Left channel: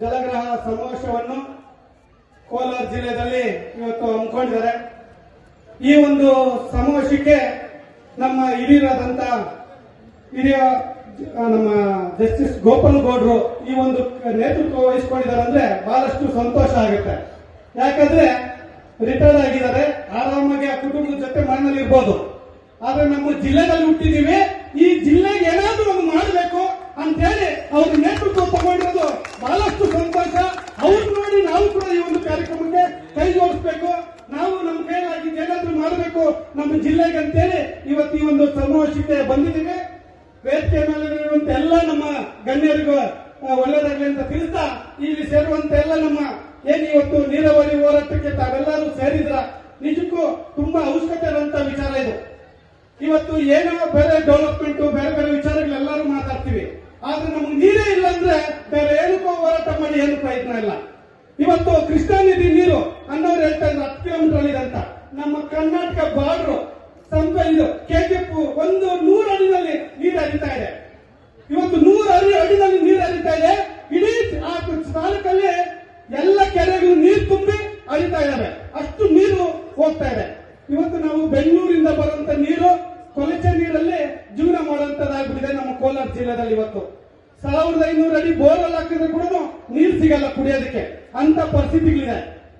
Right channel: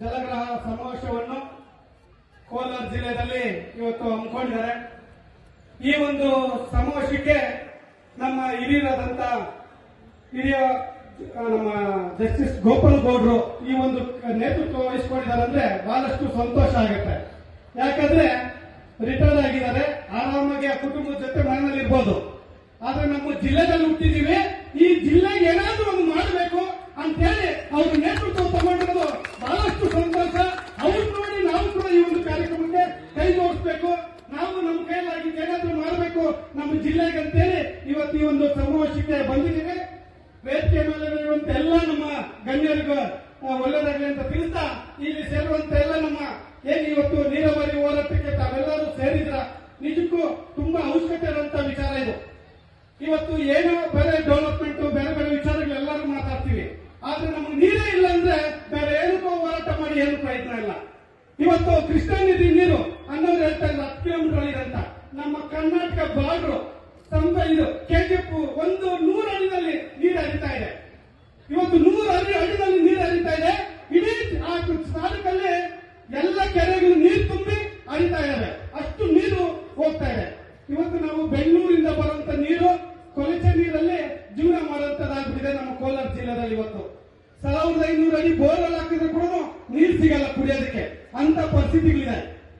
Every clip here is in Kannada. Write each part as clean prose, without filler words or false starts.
ಜಲಗ್ರಹ ಸಮಾವೇಶವನ್ನು ಕೋಲಾರ ಜಿಲ್ಲೆಯಲ್ಲಿ ಇವತ್ತು ಹಮ್ಮಿಕೊಂಡಿದ್ದಾರೆ. ಈ ಒಂದು ಸಮಾವೇಶಕ್ಕೆ ನಮ್ಮ ಹಿರಿಯರಾದಂತ ನಮ್ಮ ಜಸ್ಟಿಸ್ ಗೋಪಾಲ್ ಗೌಡ್ರು ಈ ಒಂದು ನೇತೃತ್ವ ವಹಿಸಿಕೊಂಡಿದ್ದಾರೆ ಅಂದ್ರೆ ಬಹಳಷ್ಟು ಸಂತೋಷ ಆಗುತ್ತೆ. ಯಾಕಂದ್ರೆ ರಿಟೈರ್ಡ್ ಆಗಿದ್ದಾರೆ, ಆರಾಮಾಗಿ ಆ ಕುಟುಂಬದ ಜೊತೆ ಮನೆಯಲ್ಲಿ ಇರ್ಬೋದು. ಆದ್ರೆ ನಮ್ಮ ಜಿಲ್ಲೆಯಲ್ಲಿ ಹುಟ್ಟಿದೀವಿ, ಈ ಜಿಲ್ಲೆಗೆ ಏನಾದ್ರೂ ಒಂದು ಮಾಡಬೇಕು ಅಂತ ಹೇಳಿ ಅವ್ರ ನೇತೃತ್ವ ತಗೊಂಡಿರೋದು ಬಹಳಷ್ಟು ಸಂತೋಷ. ಅವ್ರು ನೋಡಿ ನಾವು ಕೂಡ ಈ ಒಂದು ಕಾರ್ಯಕ್ರಮಕ್ಕೆ ಕೈ ಜೋಡಿಸಬೇಕು, ನಾವು ನಮ್ಮ ಕೈಲಾಗಿ ಏನಾದ್ರೂ ಮಾಡಬೇಕು ನಮ್ಮ ಜಿಲ್ಲೆಗೆ ಅಂತೇಳಿ ಇವತ್ತು ಈ ಒಂದು ಸಮಾವೇಶಕ್ಕೆ ಬಂದಿದ್ದೀವಿ. ವೇದಿಕೆ ಮೇಲೆ ಇರುವಂತ ಎಲ್ಲ ನಮ್ಮ ಗಣ್ಯರಿಗೂ ಒಳ್ಳೆದಾಗಲಿ ಅಂತ ತಿಳಿಸ್ತಾ, ಇಲ್ಲಿ ಸೇರುವಂತ ಎಲ್ಲ ನಮ್ಮ ಏನು ಇವತ್ತು ನೀರಾವರಿ ಹೋರಾಟಕ್ಕೆ ತಾವೆಲ್ಲರೂ ಸೇರಿದ್ರ ನಿಜಕ್ಕೂ ತುಂಬಾ ಅವಶ್ಯಕತೆ ಇರುವಂತ ವಿಚಾರ ಇದು. ಇವತ್ತು ಏನೋ ಬೇರೆ ಡೆವಲಪ್ಮೆಂಟ್ ಬೇರೆ ಬೇರೆ ವಿಚಾರಗಳೆಲ್ಲರೂ ಮಾತಾಡ್ತೀವಿ, ಆದ್ರೆ ನಮ್ಗೆ ನೀರೇ ಇಲ್ಲ ಅಂದ್ರೆ ಬೇರೆ ಏನಕ್ಕೋ ಹೋರಾಟ ಮಾಡಿ ಏನು ಪ್ರಯತ್ನ ಇಲ್ಲ. ಇವತ್ತು ಕೃಷ್ಣಾ ನದಿ ನೀರು ಅನ್ನೋರು ಹೇಳ್ತಾ ಇದ್ರು 10 ಕಿಲೋಮೀಟರ್ ಇದೆ ಅಂತ. ನಮ್ಮ ಕರ್ನಾಟಕ ಬಾರ್ಡ್ರು ಇದು ಕೆಜಿಎಫ್ 100 ಅಡಿನಲ್ಲಿ ನೀರು ಹರಿತಾ ಇದೆ. ಇವತ್ತು 100 ಅಡಿನಲ್ಲಿ ನೀರು ಹರಿತಾ ಇದೆ. ಇಡೀ ಆ ತಾಲೂಕಲ್ಲಿ ಎಲ್ಲ ಕೆರೆಗಳು ನೀರು ತುಂಬಿ ಹರಿತಾ ಇದ್ದಾವೆ, ಅಷ್ಟು ನೀರು ಹೋಗ್ತಾ ಇದೆ. ಇವತ್ತು ನಾವು ಬೆಂಗಳೂರಿಂದ ಬರುವಂತ ನೀರು ಕೊಳಚೆ ನೀರಲ್ಲಿ ಜೀವನ ಮಾಡುವಂತದ್ದಾಗ್ಬಿಟ್ಟಿದೆ ನಮ್ಮ ಕೋಲಾರ ಜಿಲ್ಲೆಯಲ್ಲಿ. ಇವತ್ತು 1500 ಅಡಿ ಬೋರ್ವೆಲ್ ಹಾಕಿದ್ರೆ ಕೂಡ ನೀರು ಸಿಗಲ್ಲ ಕುಡಿಯೋದಕ್ಕೆ, ಅಂತ ಪರಿಸ್ಥಿತಿಗಳಿದೆ.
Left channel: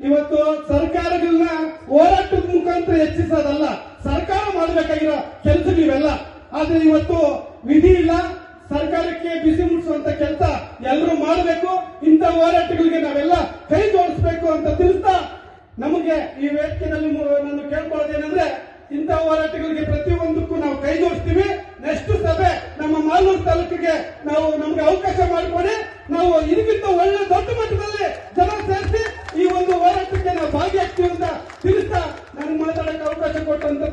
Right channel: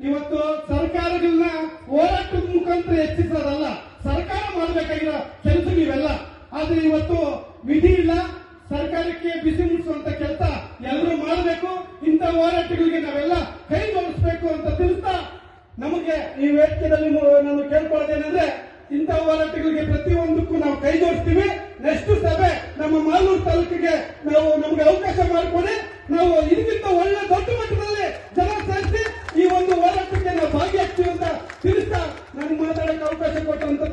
ಇವತ್ತು ಸರ್ಕಾರಗಳನ್ನ ಹೋರಾಟದ ಮುಖಾಂತರ ಹೆಚ್ಚಿಸೋದಲ್ಲ, ಸರ್ಕಾರ ಮಾಡಬೇಕಾಗಿರೋ ಕೆಲಸ ಇವೆಲ್ಲ. ಆದ್ರೆ ಇವತ್ತು ವಿಧಿ ಇಲ್ಲ, ಸರ್ಕಾರಕ್ಕೆ ಬಿಸಿ ಮುಟ್ಟಿಸುವಂತ ಕೆಲಸ ಎಲ್ಲರೂ ಮಾಡಬೇಕು. ಇಂಥ ಹೋರಾಟಗಳಿಗೆ ನಾವೆಲ್ಲ ಕೈ ಜೋಡಿಸಬೇಕು ಅಂತ ತಿಳಿಸ್ತಾ, ನಮಗೆ ಈ ವೇದಿಕೆಯಲ್ಲಿ ನಾನು ಕೇಳ್ಕೊಳ್ಳೋದೇನೆಂದ್ರೆ, ಇಂಥ ಹೋರಾಟಗಳಿಗೆ ಪ್ರತಿಯೊಂದಕ್ಕೂ ನಾವು ಕೈ ಜೋಡಿಸ್ತೀವಿ. ನೆಕ್ಸ್ಟ್ ಸಭೆ ನಮ್ಮ ಮಾಲೂರು ತಾಲೂಕಿಗೆ ನಮಗೆ ಅವಕಾಶ ಮಾಡಿಕೊಡಿ, ನಾವು ಇದಕ್ಕಿಂತ ಒಳ್ಳೆ ದೊಡ್ಡ ಮಟ್ಟದಲ್ಲಿ ಜನ ಸೇರಿಸಿ ಈ ಒಂದು ಹೋರಾಟಕ್ಕೆ ನಾವು ಭಾಗಿಯಾಗ್ತೀವಿ ಅಂತ ತಿಳಿಸ್ತಾ, ನಾನು ಮಾತಾಡಕ್ಕೆ ಅವಕಾಶ ಕೊಟ್ಟಂತ